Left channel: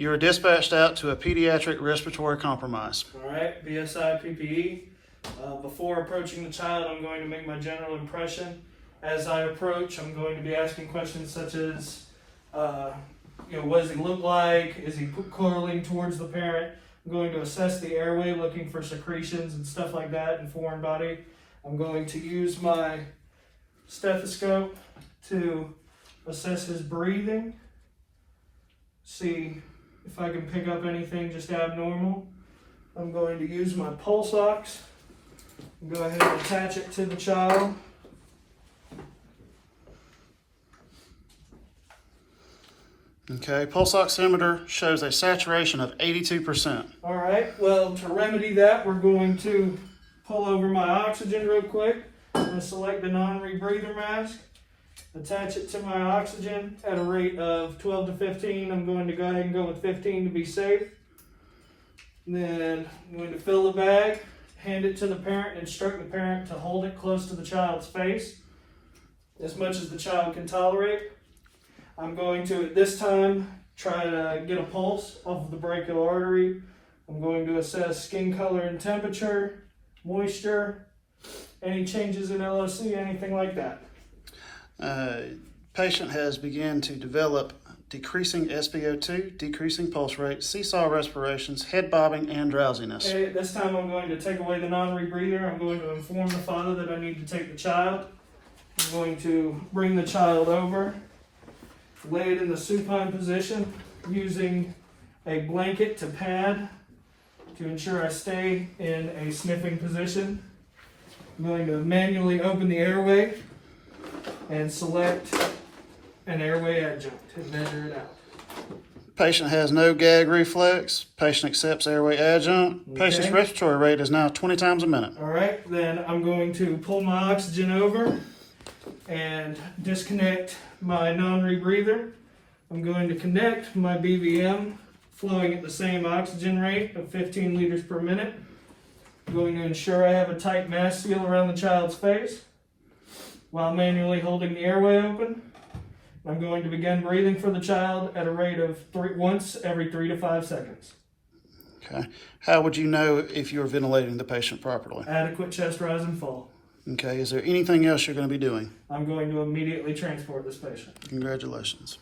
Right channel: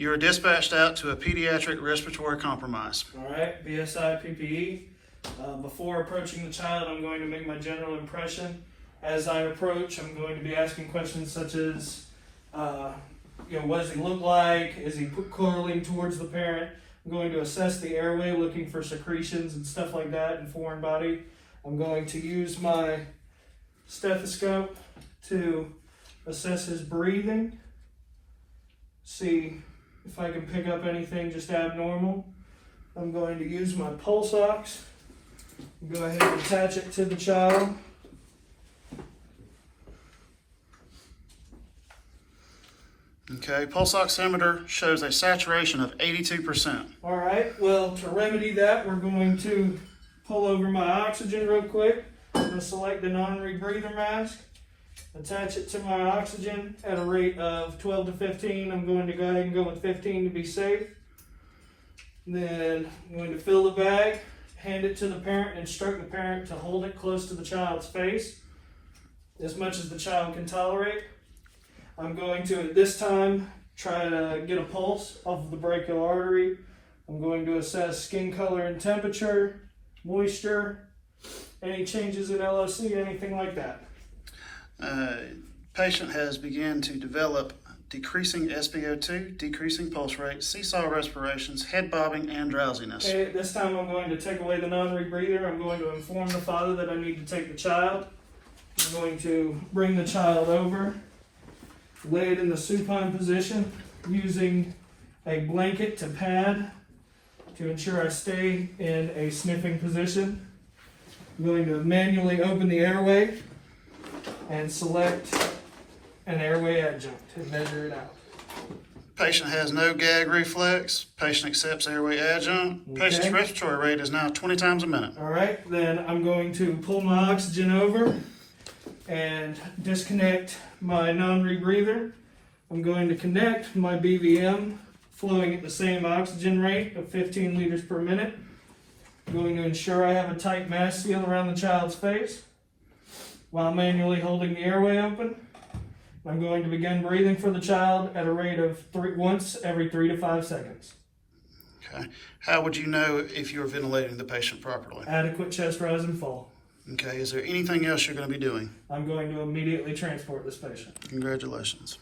You are dispatched out to a pediatric respiratory compromise. All right, BSI PPE. Before approaching the child, I'm going to make my general impression. As I approach, I'm going to be asking questions such as, what does he look like? Is he coiling towards the parent? I'm going to assess the airway, looking for secretions and stuff like that in foreign body. I'm going to use my stethoscope to assess his breathing, see if I can pick up anything just abnormal. I'm going to use my pulse ox, go ahead and attach it to the child. Okay, pulse oximeter shows a saturation of 82%. All right, well, to remedy that, we're going to pull over my oxygen real quick. I'm going to select the non-rebreather mask, attach it to my oxygen at a rate of 12 to 15. I'm going to go ahead and go with 15 to be safe. Then I'm going to fill the bag, hand it to the parent, and instruct the parent to hold it close to the child's face as much as the child can tolerate. I'm going to, at this time, try to get a pulse off of the brachial artery. I'm going to assess skin color and temperature, moisture, any changes in LOC, anything like that. Patient has begun to develop decreasing SpO2, decreasing pulse rate, seesaw respirations, head bobbing, and drowsiness. Okay, this time I'm going to take away the non-rebreather. I'm going to inform the father that I need to take the child. I'm going to bring the child over, lay it in the supine position, using a blanket to pad to ensure I stay in a sniffing position. I'm going to manually open the airway and select an airway adjunct and measure it out. Patient has no gag reflex. Patient accepts airway adjunct. Okay. Patient's respiratory rate is now 20 times a minute. All right, then I'm going to pull my oxygen over and disconnect my non-rebreather. I'm going to connect my BVM, flowing at the same oxygen rate of 15 liters per minute. I'm going to ensure I have a tight mask seal around the child's face while manually holding the airway open. I'm going to begin breathing for the child at a rate of once every 3 to 5 seconds. Okay. How would you know if you're ventilating the patient properly? Adequate chest rise and fall. Okay. Is there anything else you're going to be doing? I'm going to immediately transport this patient. Congratulations.